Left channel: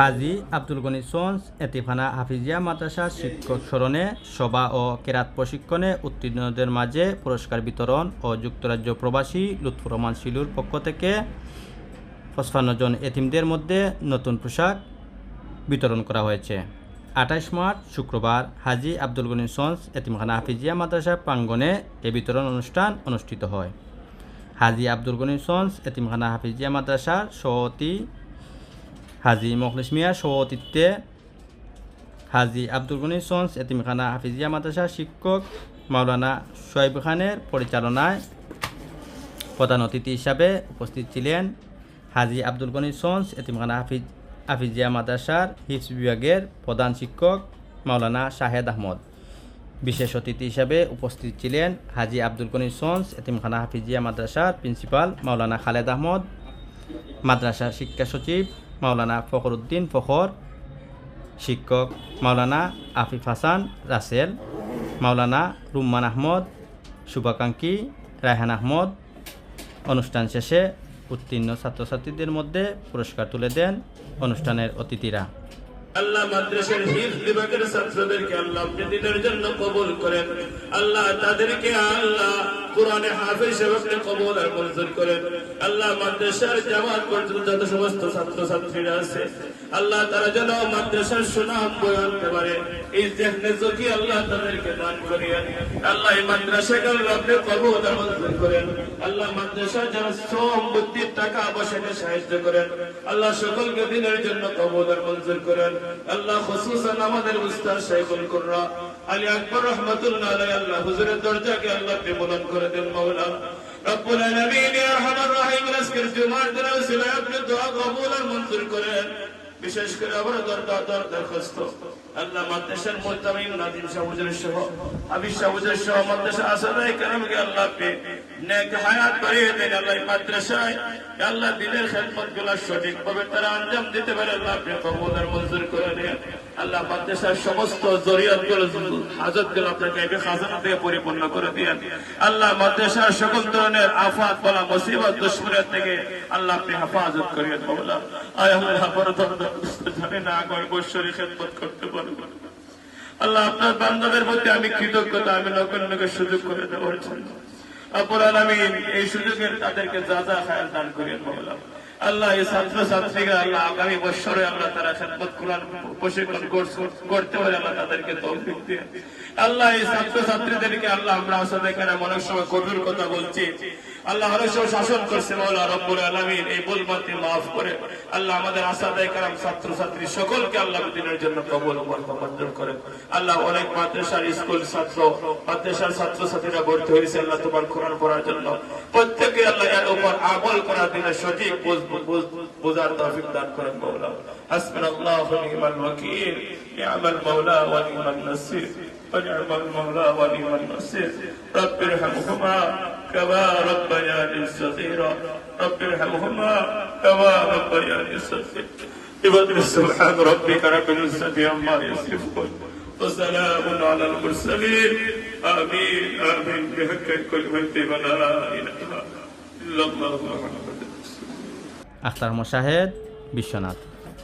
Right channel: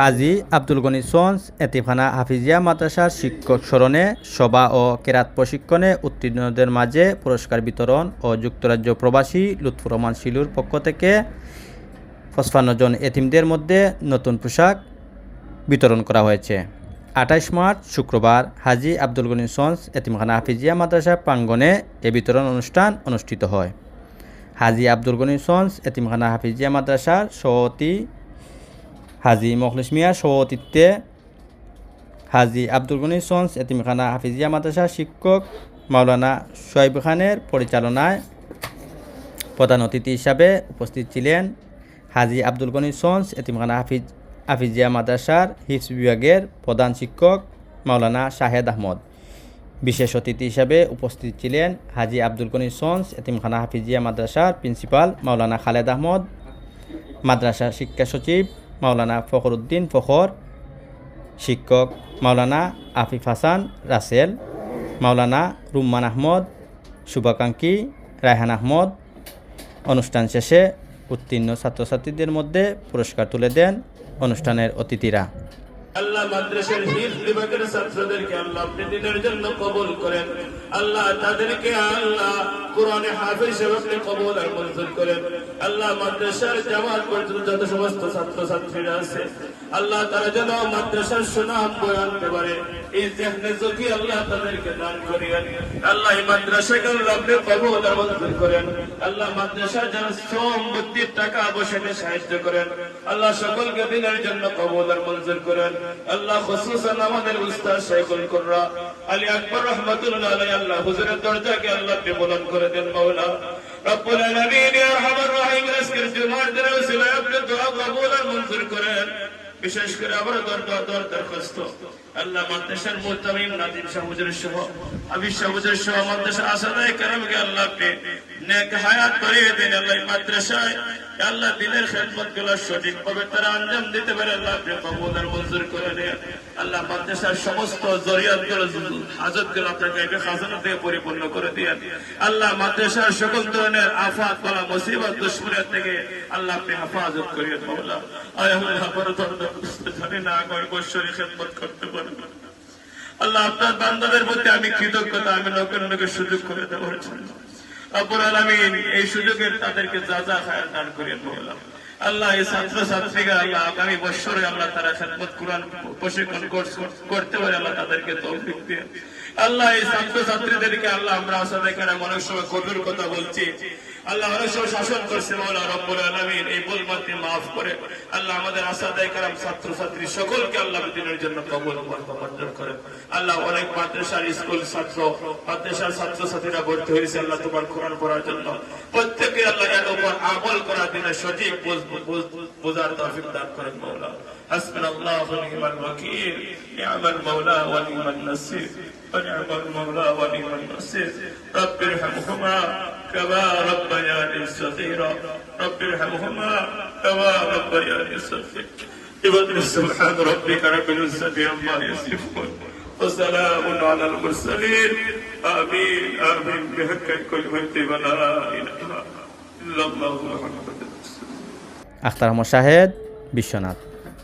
হাজী আব্দুল গনি সঞ্জ এতিমখানা হাফিজিয়া মাদ্রাসার শিক্ষক স্মরণে সভা ও কেরাত প্রশিক্ষণে উত্তীর্ণদের মাঝে পুরস্কার বিতরণ ও যুক্তরাজ্য প্রবাসী লুৎফুর রহমান শিলুর পক্ষ থেকে 55 জন এতিমদের মধ্যে নতুন পোশাক বিতরণ করা হয়েছে। 28 মার্চ শুক্রবার হাজী আব্দুল গনি সঞ্জ এতিমখানা হাফিজিয়া মাদ্রাসা প্রাঙ্গণে এ বিতরণ অনুষ্ঠান অনুষ্ঠিত হয়। হাজী আব্দুল গনি সঞ্জ এতিমখানা হাফিজিয়া মাদ্রাসার সভাপতি হাজী মখলিস মিয়ার সভাপতিত্বে হাজী আব্দুল গনি সঞ্জ এতিমখানা হাফিজিয়া মাদ্রাসার শিক্ষক মাওলানা সোহাইব খানের পরিচালনায় প্রধান অতিথি হিসাবে উপস্থিত ছিলেন হাজী আব্দুল গনি সঞ্জ এতিমখানা হাফিজিয়া মাদ্রাসার হিফজ বিভাগের প্রধান শিক্ষক মাওলানা শাহেদ আহমদ। বিশেষ অতিথি হিসাবে উপস্থিত ছিলেন হাজী আব্দুল গনি সঞ্জ এতিমখানা হাফিজিয়া মাদ্রাসার প্রিন্সিপাল মাওলানা খালেদ আহমদ, মাদ্রাসা শিক্ষা সচিব মাওলানা ফখরুদ্দিন ফখর, শিক্ষক মাওলানা আফিফ হাসান রাসেল, মাওলানা রুম্মান আহমদ, শুভাকাঙ্ক্ষী রায়হান আহমদ। অনুষ্ঠান শেষে উত্তীর্ণ ছাত্রছাত্রীদের মধ্যে পুরস্কার তুলে দেন অনুষ্ঠানের অতিথিরা। আল্লাহ মাদ্রাসার হিফজ বিভাগের ছাত্রদেরকে আল্লাহ আপনি দিনের জন্য কবুল করেন। আল্লাহ তাদেরকে আল্লাহ কোরআনে হাফেজ হিসেবে কবুল আর মঞ্জুর করেন। আল্লাহ মাদ্রাসার জামাত পর্যন্ত যত সমস্ত ছাত্রছাত্রীরা আছে আল্লাহ তারা যেন মাদ্রাসার সুনাম বয়ে আনতে পারে, এই জেহনে যদি আল্লাহ তাদেরকে দান করিয়েন। আল্লাহ এই মাদ্রাসাকে আপনি কবুল আর মঞ্জুর করেন। আল্লাহ মাদ্রাসার যেন শ্রম বুদ্ধির টাকা বসাতে সাহায্য করেন। আল্লাহ সকলকে দিনের জন্য কবুল আর মঞ্জুর করেন। আল্লাহ খুসুসান আমাদের উস্তাদ শাইখুল কুররা আলী আকবর রহমাতুল্লাহ আলাইহি আল্লাহ হুজুরের দরজাকে আল্লাহ আপনি বুলন্দ করে দেন মাওলা রব্বুল আলামিন ইয়া আরহামার রাহিম। আজকের জুমার দিনে ওসিলায় আপনি দোয়া কবুল আর মঞ্জুর করেন। বিশেষ করে আমরা দরখাস্ত আল্লাহ মাদ্রাসার মুতামিম নাদিম শাহ হুজুর সহ আবির শাহ হুজুর সহ মাদ্রাসা আসাদায়ে কেরামকে আল্লাহ আপনি নেক হায়াত করিয়ে দেন। আল্লাহ মাদ্রাসায় আল্লাহ দিনের খেদমত গুলো সঠিকভাবে তারা আঞ্জাম দিতে পারে আল্লাহ আপনি কবুল আর মঞ্জুর করে দেন। আল্লাহ মাদ্রাসার সমস্ত জরিয়াতগুলো হাজতগুলো আপনার গায়বে খাজানাতে পরিপূর্ণ করে দেন। আল্লাহ মাদ্রাসার সকল ধরনের আফাত বলা মুসিবত দুশমনের থেকে আল্লাহ আপনি হেফাজত করিয়ে মাওলা। আয় আল্লাহ জানি না আগামী বছরে খেদমত করতে পারব। আল্লাহ আপনার বান্দাদের প্রতি আমি কৃতজ্ঞতা আমি নৌকে সুযোগ করে দেওয়ার জন্য রব্বুল আলামিন এই সুযোগের তাদেরকে যা যা খায়াল দান করিয়ে মাওলা। আল্লাহ এই ছাত্রছাত্রীকে আল্লাহ আগামী বছরে আমরা তারা খেদমত কোরআন প্রশিক্ষণ করতে পারে আল্লাহ তাদেরকে তৌফিক দিন। আল্লাহ এই ছাত্রছাত্রীদেরকে আল্লাহ আমরা আসাদে কারাম অনেক সময় কবির কথা বলছি আল্লাহ অনেক সময় শাসন করছে মাওলা রব্বুল আলামিন এই ভুল মাত্র মাফ করে আল্লাহ আমাদের আসাদে কারাম ছাত্রছাত্রী সকলকে আল্লাহ দিনের জন্য কবুল মঞ্জুর করেন। আল্লাহ অনেক মাদ্রাসার স্কুল মাদ্রাসার ছাত্রছাত্রীরা ভর্তি হয়েছে আল্লাহ তোমার কোরআন পড়ার জন্য প্রত্যেকে আল্লাহ এর উপর আমল করার দিনে সঠিক বোঝার তৌফিক দান করেন মাওলা। হাসবুনাল্লাহু ওয়া নি'মাল ওয়াকিল নি'মাল মাওলা ওয়া নি'মান নাসির ونعم المولى ونعم النصير رب ارحمهما كما ربياني صغيرا رب ارحمهما كما ربياني صغيرا سبحان ربك رب العزة عما يصفون وسلام على المرسلين آمين آمين بحق كلمة لا إله إلا الله محمد আখতার আহমদ শাহেদ, বিশ্বনাথ।